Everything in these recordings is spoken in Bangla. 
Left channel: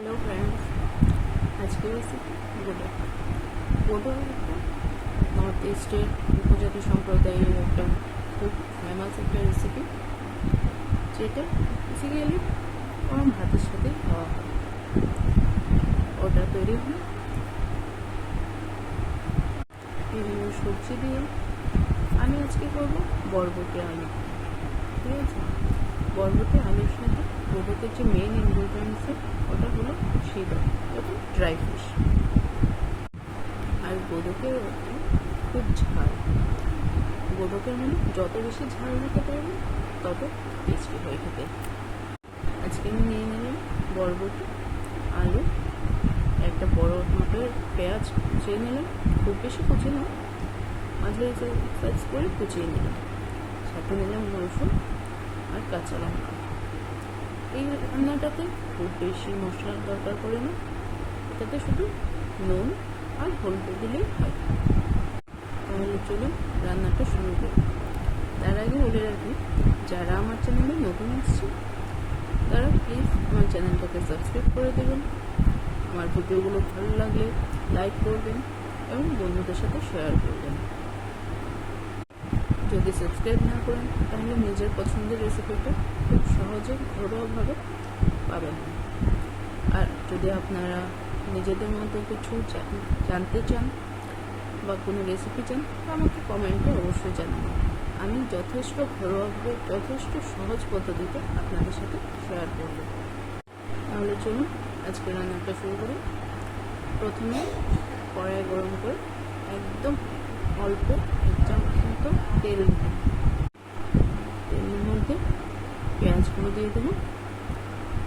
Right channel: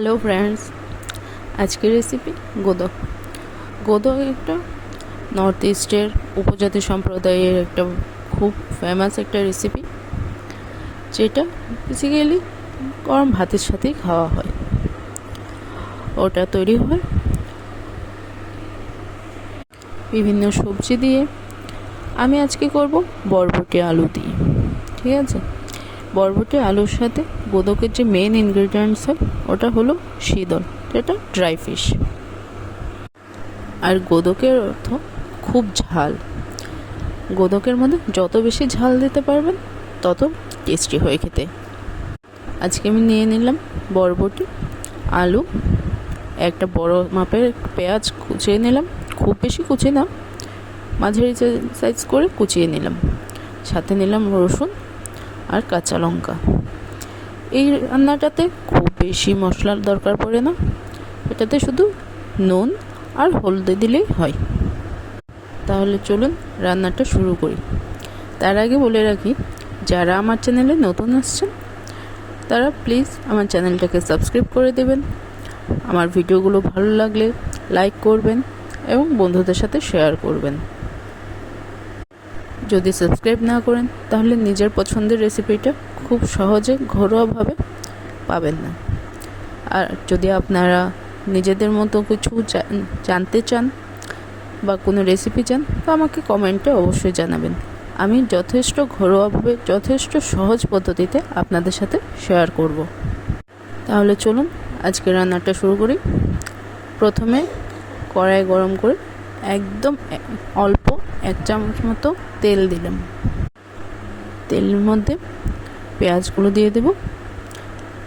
হ্যালো ফ্রেন্ডস, আজকের রেসিপি গোদক। গোদক একটা নর্থ ইস্টের উপজাতি সম্প্রদায়ের একটা খুব ফেমাস একটা রেসিপি, যেটা বেসিক্যালি গরম ভাতের সাথেই খাওয়া হয়। ওটা তৈরি হয় বিভিন্ন সবজি দিয়ে। আমি আজকে করব বরবটি আলু দিয়ে। ঠিক আছে, বরবটি আলুর সাথে গোদকের যে মেন ইনগ্রিডিয়েন্টস হয় ওটা হলো শীতল, যেটা ড্রাই ফিশ। আর গোদকের অর্থ খুব ঝাল। গোদকের মধ্যে যত বেশি ঝাল দিতে পারবেন তত টেস্টি হয় খেতে। আজকে আমি নিয়ে নিলাম বরবটি, আলু, একটা বড় মাপের পেঁয়াজ কুচিয়ে নিলাম, খুব বেশি কুচি না, মাঝারি সাইজ করে কুচিয়ে নিলাম। সাথে নিলাম রসুন আর কাঁচা লঙ্কা। এই রান্নাটাতে খুব বেশি মশলার দরকার পড়ে না, এটাতে শুধু নুন আর হলদে দিলেই হয়। তাহলে চলুন রান্নাটা শুরু করি। তার আগে বলে রাখি, যারা আমার চ্যানেলে নতুন আসছেন তারা প্লিজ আমার চ্যানেলটাকে সাবস্ক্রাইব করে দেবেন। আমার ভিডিওগুলো ভালো লাগলে লাইক করবেন এবং বন্ধুদের সাথে শেয়ার করবেন। যদি সাবস্ক্রাইব না করেন তাহলে নিজের পছন্দের রেসিপিটা খুব সহজে ঘরোয়াভাবে পাবেন না। আর যদি আপনারা নিজেদের মতো কিছু জানতে চান বা কোনো রেসিপি চান, তো আমাকে কমেন্টে অবশ্যই জানাবেন। আমি যথেষ্ট ঘরোয়াভাবে, যথেষ্ট সহজ পদ্ধতিতে আপনাদের সাথে শেয়ার করব। তাহলে চলুন আজকে রান্নাটা শুরু করি। প্রথমে কড়াই গরম করে একদম অল্প 1 চামচ মতো তেল দিলাম। তেলের মধ্যে পেঁয়াজগুলো দিয়ে দেব,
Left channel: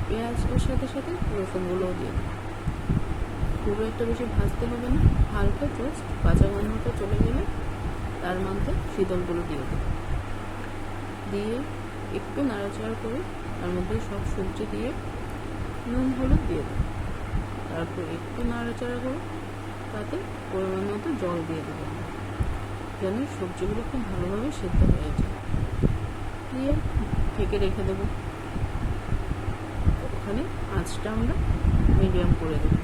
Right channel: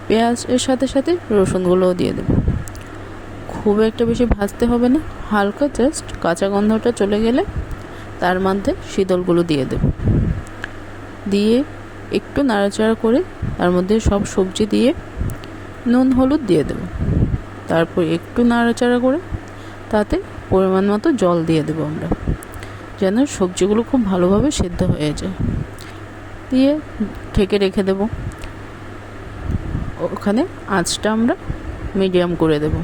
পেঁয়াজের সাথে সাথে রসুনগুলোও দিয়ে দেব। খুব একটা বেশি ভাজতে হবে না, হালকা জাস্ট কাঁচা গন্ধটা চলে গেলে তার মধ্যে শীতলগুলো দিয়ে দেব। দিয়ে একটু নাড়াচাড়া করে তার মধ্যে সব সবজি দিয়ে নুন হলুদ দিয়ে দেব। তারপর একটু নাড়াচাড়া করে তাতে পরিমাণ মতো জল দিয়ে দেবো আমরা, যেন সবজিগুলো খুব ভালোভাবে সিদ্ধ হয়ে যায়। দিয়ে ঢেকে রেখে দেব। ওখানে আঁচটা আমরা মিডিয়াম করে দেব।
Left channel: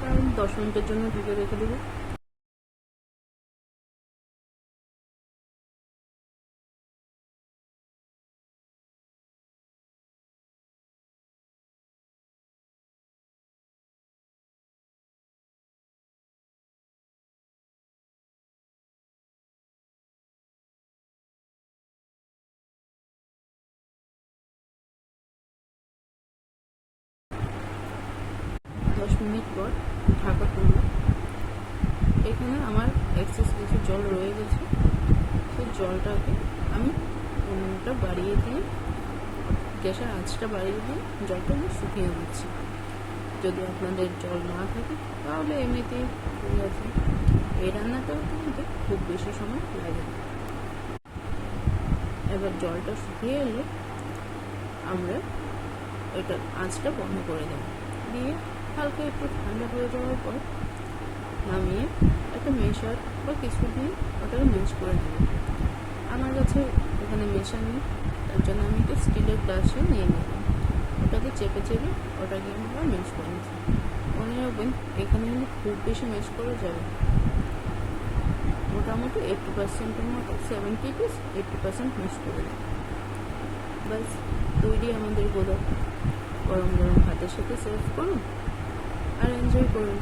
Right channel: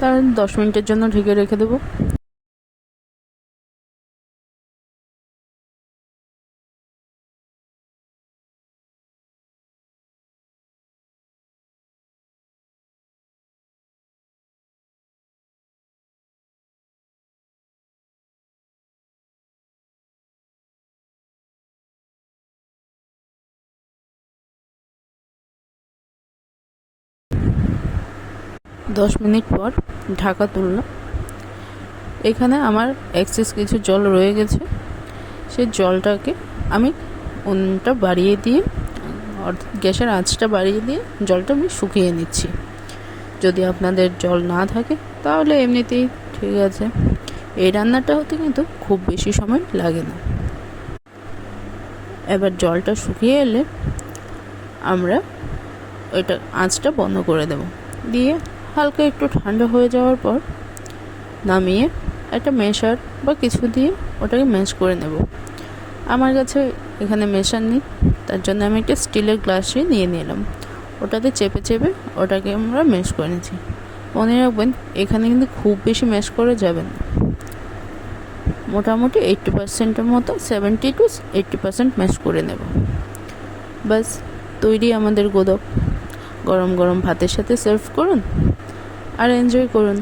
তার 10 মিনিটের জন্য ঢেকে রেখে দেব। দশ মিনিট পর ঢাকা তুললাম। এখানে আমার এক্সেস কিছু জল রয়ে গেছে, সেই জলটাকে আমি উনুনটা বাড়িয়ে দিয়ে, গ্যাসের আঁচটা বাড়িয়ে দিয়ে জলটা আমি শুকিয়ে নিচ্ছি। যদি আপনাদের জল না থাকে তাহলে এমনিতেই ঠিক আছে। এই রান্নাটা হতে কিন্তু খুব বেশি সময় লাগে না। এবার জলটা শুকিয়ে এলে আমরা ওইটা আঁচটা বন্ধ করে দেব। দিয়ে হালকা একটু ঠান্ডা হয়ে যাওয়ার পর নামিয়ে একটা মেশার বা কিছু দিয়ে ওটাকে ম্যাশ করে নেব। আমার কাছে এখানে মেশার নেই, তার জন্য আমি একটা স্টিলের গ্লাসে নিয়ে নিলাম। ওটাতে চেপে চেপে ওটাকে আমরা ম্যাশ করে নিচ্ছি। মনে রাখবেন, এখানে কিন্তু খুব বেশি ম্যাশ করা যাবে না। মোটামুটি 80%-এর মতো, 70 to 80% ম্যাশ করে নেব। বাস তৈরি আমাদের গোদক। গরম গরম ভাতের সাথে সার্ভ করুন আর এনজয় করুন।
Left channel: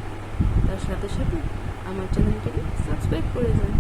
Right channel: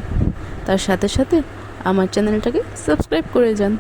তার সাথে সাথে আমার চ্যানেলটাকে সাবস্ক্রাইব করে যান।